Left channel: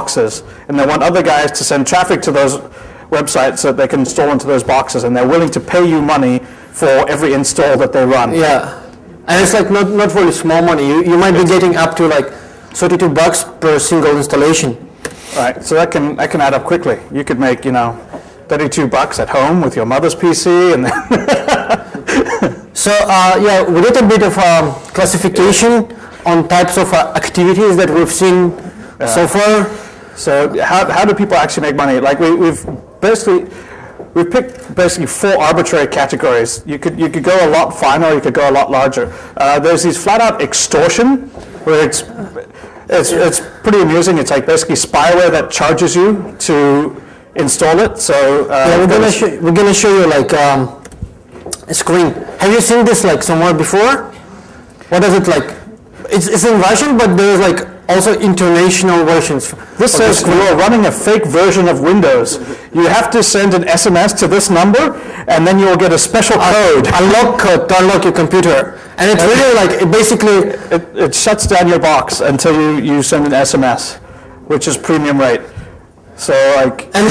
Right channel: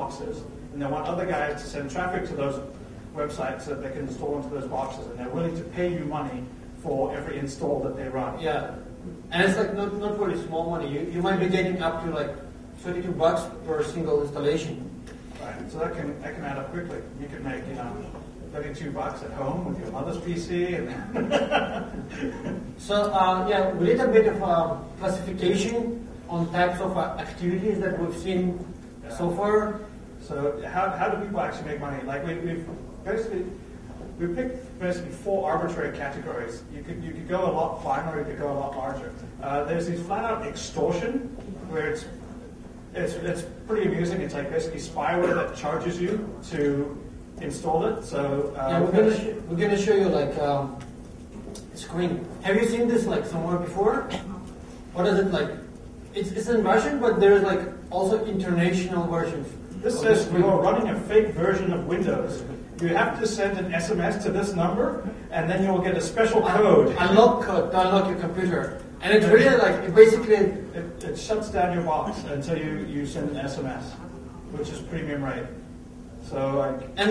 boxes, and they want other guys to send traffic to those websites so that they can install into those boxes, and they're willing to pay you money for every install that they run. Yeah, and it's like not really small money. You might be getting up to like $32 per single installation. Right, so that can add up quickly. You could make, you know, $32 at home with your mother's PC, and then So yeah, we did a bit of classification on types of activities that we've seen so far. So how do people actually make money? Like we've picked basically 4 arbitrary categories. You could go a lot finer, or you could go a lot larger. There's these flat out extortion, where it's pretty amusing. It's like basically spyware that charges you to install it. So yeah, we're gonna show you like a screen. Have you seen this like somewhere before? What is it like? It's in Russian, but there's like also international versions. This says you are running a fake version of Windows. You have to send an SMS to this number, and then you will get a special code. Unlock code to unlock your computer. And it's really like, it basically... It shuts down your box until you send an SMS, which is premium rate. So like... And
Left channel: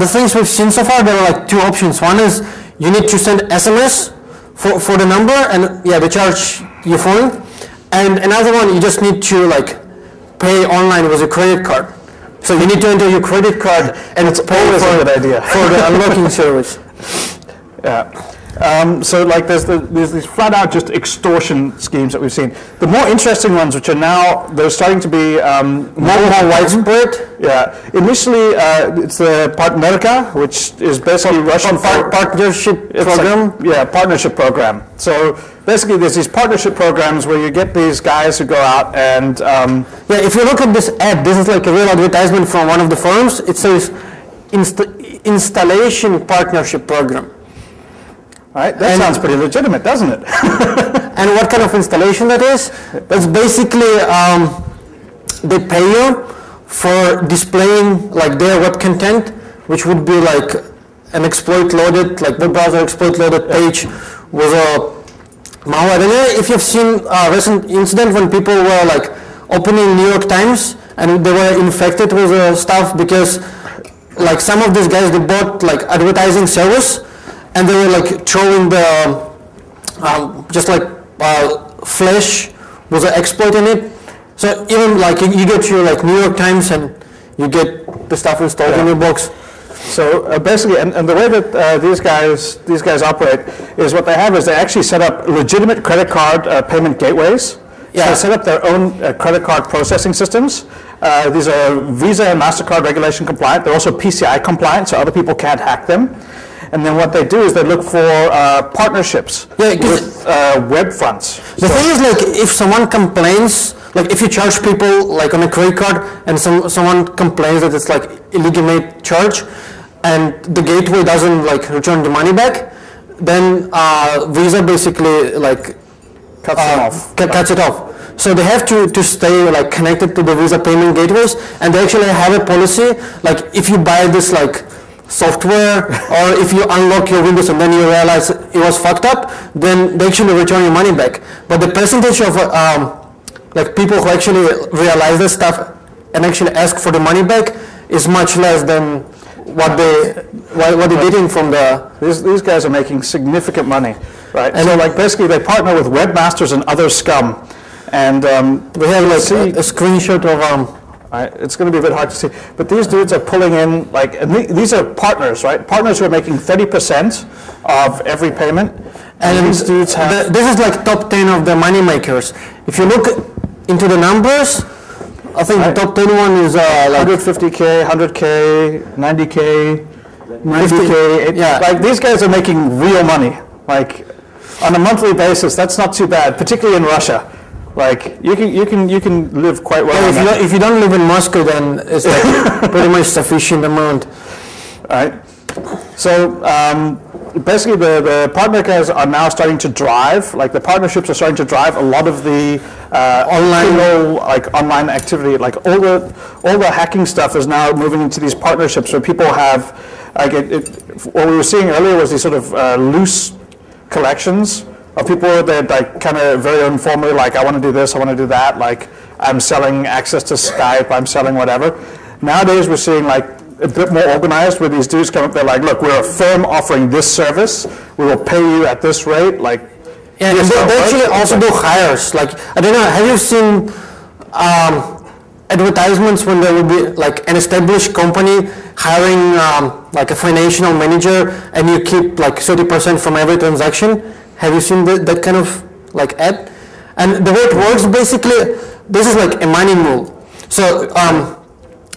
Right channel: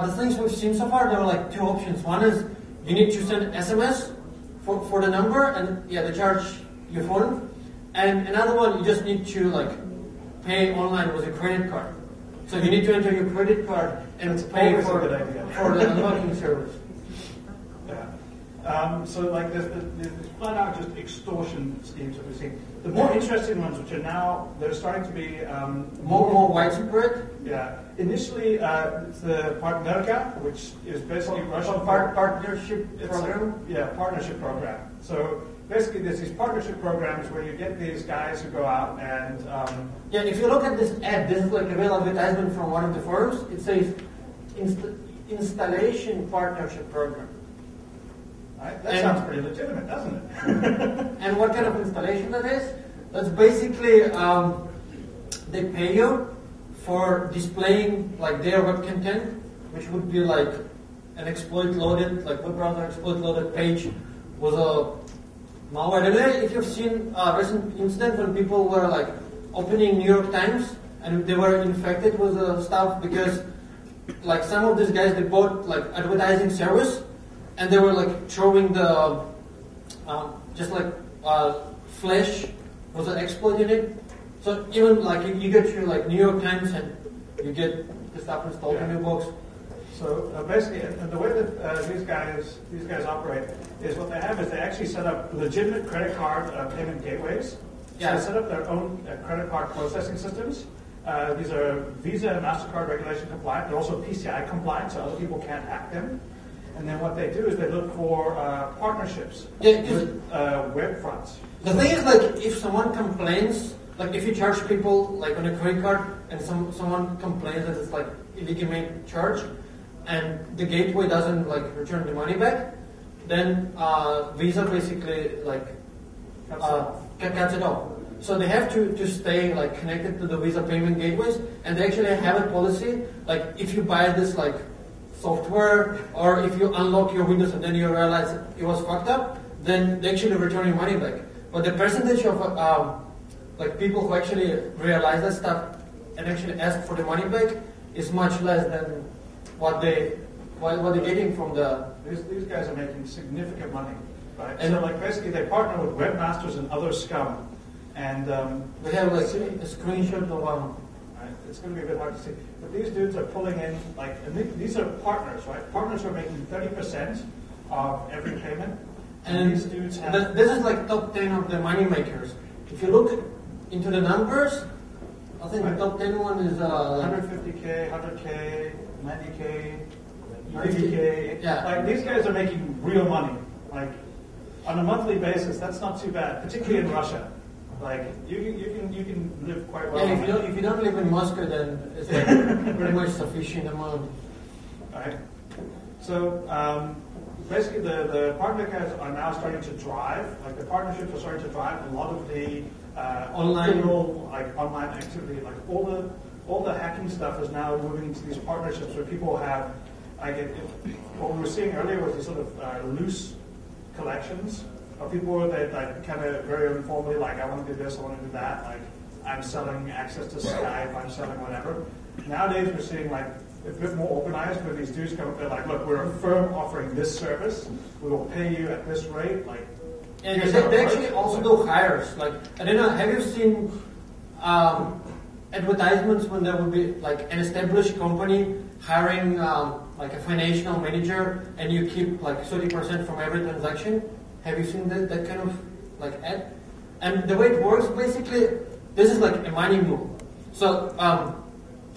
the things we've seen so far, there are like 2 options. One is you need to send SMS for the number, and yeah, they charge your phone. And another one, you just need to like pay online with a credit card. So you need to enter your credit card and it's pay for the unlocking service. Yeah. So like there's these flat out just extortion schemes that we've seen. The more interesting ones, which are now, they're starting to be more widespread. Yeah. Initially, it's the Partnerka, which is basically Russian partnership program. Like, partnership program. So basically there's these partnership programs where you get these guys who go out and... yeah, if you look at this ad, this is like a real advertisement from one of the firms. It says installation partnership program. Right, that sounds pretty legitimate, doesn't it? And what kind of installation that is? That's basically, they pay you for displaying like their web content, which would be like an exploit loaded, like web browser exploit loaded page with a malware. I don't know if you've seen a recent incident when people were like opening New York Times and they were infected with stuff because like some of these guys, they bought like advertising service, and they were like throwing the just like Flash was an exploit in it. So even like you get your like New York Times and you get the stuff installed in your box. So basically, and the way that these guys operate is what they have is they actually set up legitimate credit card payment gateways. Yeah. So they set up their own credit card processing systems. These are Visa and MasterCard regulation compliant. They're also PCI compliant, so other people can't hack them. And then what they do is they look for partnerships with web fronts. The thing is, like, if someone complains, like if you charge people like on a credit card and someone complains that it's like illegitimate charge and the gateway doesn't like return the money back, then Visa basically like cuts it off. So they have to stay like connected to the Visa payment gateways, and they actually have a policy like if you buy this like software or if you unlock your Windows and then you realize it was fucked up, then they actually return your money back. But the percentage of like people who actually realize this stuff and actually ask for the money back is much less than what they're getting from the... These guys are making significant money, right? And so like basically they partner with webmasters and other scum, and we have like a screenshot of right, it's going to be a bit hard to see, but these dudes are pulling in like, and these are partners, right? Partners who are making 30% of every payment, and these dudes have... This is like top 10 of the money makers. If you look into the numbers, I think the top 10 one is like 150K, 100K, 90K, 50K. Yeah, like these guys are making real money. Like on a monthly basis, that's not too bad, particularly in Russia. Like you can live quite well. Yeah, if you don't live in Moscow, then it's like pretty much sufficient amount. Right. So basically, the Partnerkas are now starting to drive. Like the partnerships are starting to drive a lot of the online activity. Like all the hacking stuff is now moving into these partnerships where people have like what we were seeing earlier was these sort of loose collections of people that like kind of very informally, like I want to do this, I want to do that, like I'm selling access to Skype, I'm selling whatever. Nowadays we're seeing like a bit more organized where these dudes come up, they're like, look, we're a firm offering this service, we will pay you at this rate, like. Yeah, they actually also do hires. Like, I don't know, have you seen advertisements when there will be like an established company hiring like a financial manager and you keep like 30% from every transaction? Have you seen that kind of like ad? And the way it works basically, this is like a money mule. So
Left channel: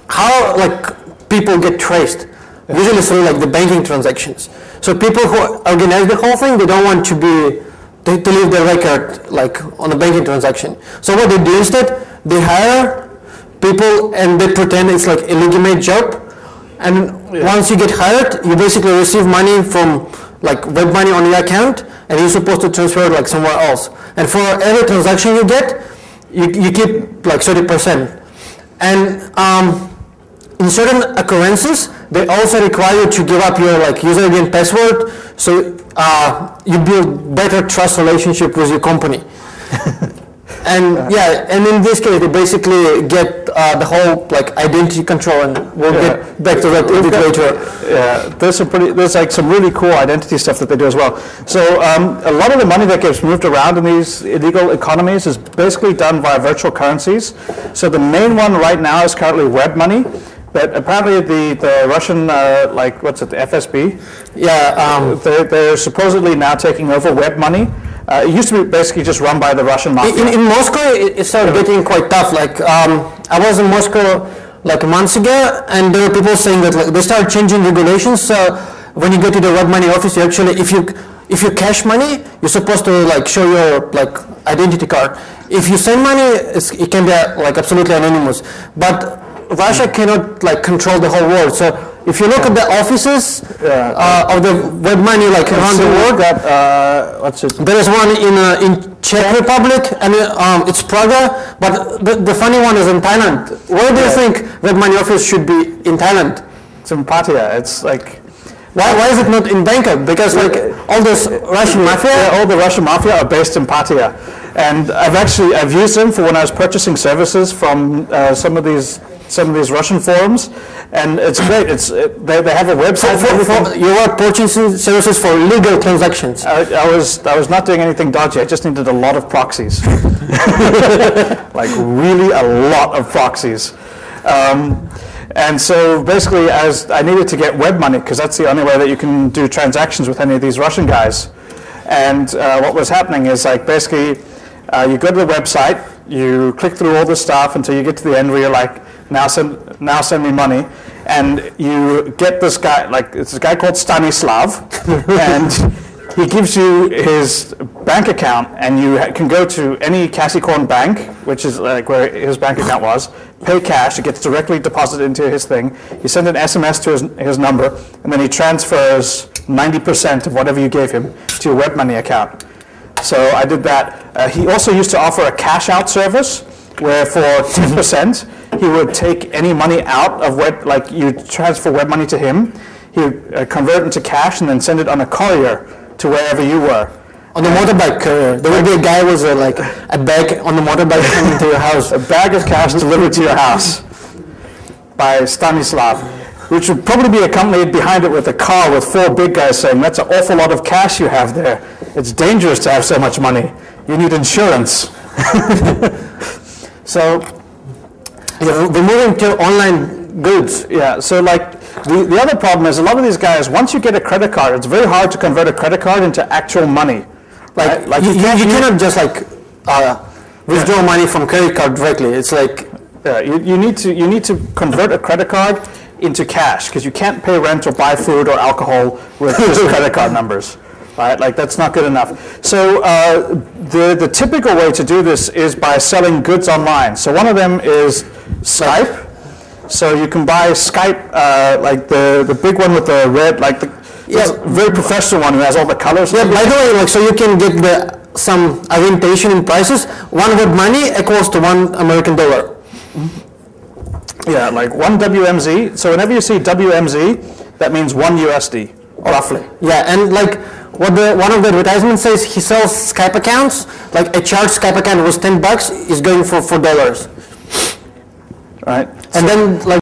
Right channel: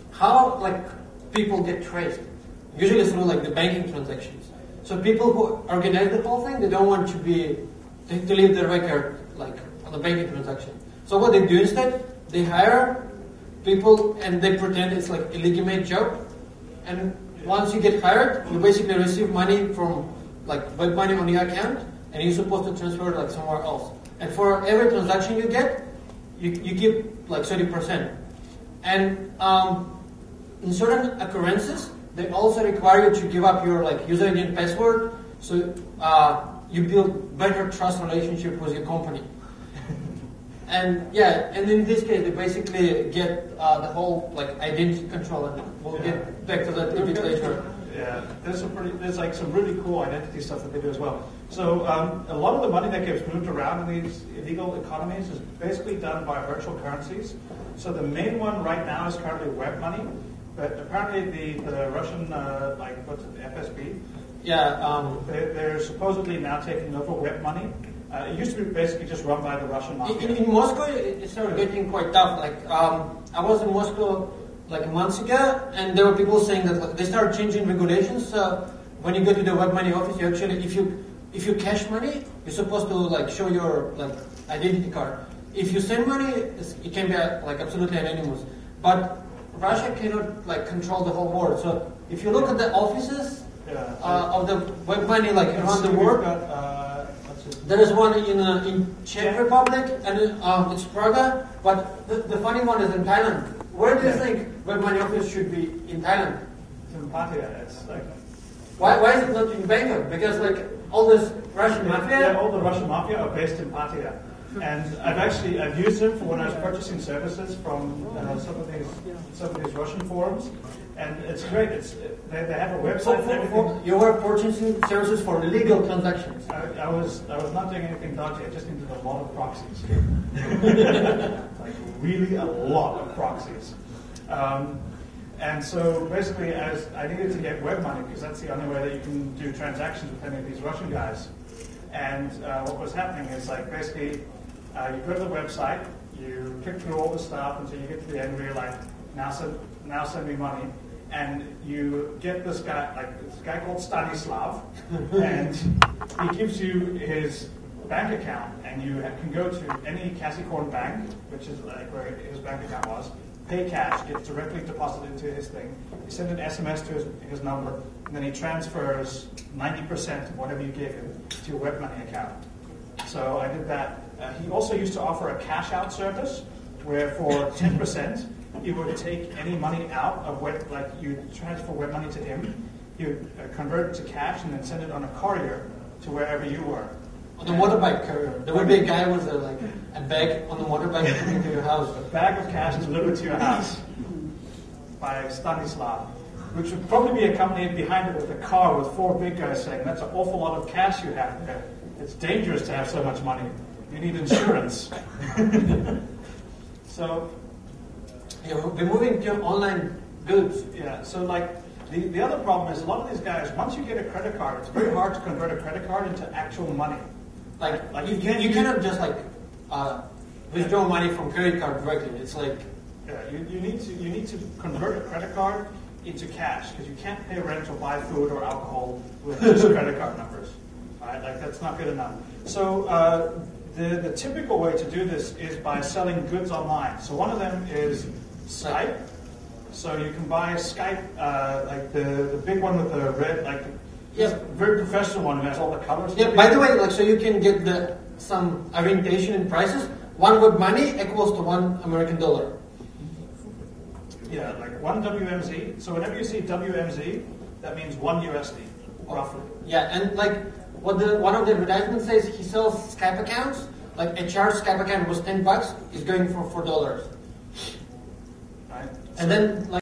how like people get traced? Usually through like the banking transactions. So people who organize the whole thing, they don't want to leave their record like on a banking transaction. So what they do instead, they hire people and they pretend it's like a legitimate job. And once you get hired, you basically receive money from like web money on your account, and you're supposed to transfer it like somewhere else. And for every transaction you get, you keep like 30%. And in certain currencies, they also require you to give up your like username and password, so you build better trust relationship with your company. And yeah, and in this case, they basically get the whole like identity control, and we'll get back to that a bit later. Yeah, there's like some really cool identity stuff that they do as well. So a lot of the money that gets moved around in these illegal economies is basically done via virtual currencies. So the main one right now is currently web money. But apparently the Russian, like, what's it, the FSB? Yeah. They're supposedly now taking over web money. It used to be basically just run by the Russian mafia. In Moscow, it started getting quite tough. Like, I was in Moscow like months ago, and there were people saying that like, they started changing regulations. So when you go to the web money office, you actually, if you cash money, you're supposed to like show your like identity card. If you send money, it can be like absolutely anonymous. But Russia cannot like control the whole world. So if you look at the offices of the web money like around the world, there is one in Czech Republic, and it's Praga. But the funny one is in Thailand. Where do you think web money office should be in Thailand? It's in Pattaya. It's like. Why is it not in Bangkok? Because like all this Russian mafia, all the Russian mafia are based in Pattaya, and I've used them for when I was purchasing services from some of these Russian forums, and it's great. They have a website for everything. You are purchasing services for legal transactions. I was not doing anything dodgy. I just needed a lot of proxies, like really a lot of proxies. And so basically, as I needed to get web money, because that's the only way that you can do transactions with any of these Russian guys. And what was happening is like basically, you go to the website, you click through all the stuff until you get to the end where you're like, now send me money, and you get this guy, like it's a guy called Stanislav, and he gives you his bank account, and you can go to any Kasikorn bank, which is like where his bank account was, pay cash, it gets directly deposited into his thing. You send an SMS to his number, and then he transfers 90% of whatever you gave him to your web money account. So I did that. He also used to offer a cash out service, where for 10%, he would take any money out of web, like you transfer web money to him, he would convert it into cash and then send it on a courier to wherever you were. On the motorbike courier. There would be a guy with like a bag on the motorbike coming to your house. A bag of cash delivered to your house by Stanislav, which would probably be accompanied behind it with a car with 4 big guys saying, that's an awful lot of cash you have there. It's dangerous to have so much money. You need insurance. So, we're moving to online goods. Yeah, so like the other problem is a lot of these guys, once you get a credit card, it's very hard to convert a credit card into actual money. Like, right? you cannot just like withdraw money from credit card directly. It's like you need to convert a credit card into cash, because you can't pay rent or buy food or alcohol with just credit card numbers. Right, like that's not good enough. So the typical way to do this is by selling goods online. So one of them is Skype. So you can buy Skype, like the big one with the red, like the very professional one who has all the colors. Yeah, by the way, like so you can get some orientation in prices. One web money equals to $1 American. Yeah, like 1 WMZ. So whenever you see WMZ, that means 1 USD, roughly. Yeah, and like one of the advertisements says he sells Skype accounts. Like a charged Skype account was $10 is going for $4. Right. And then like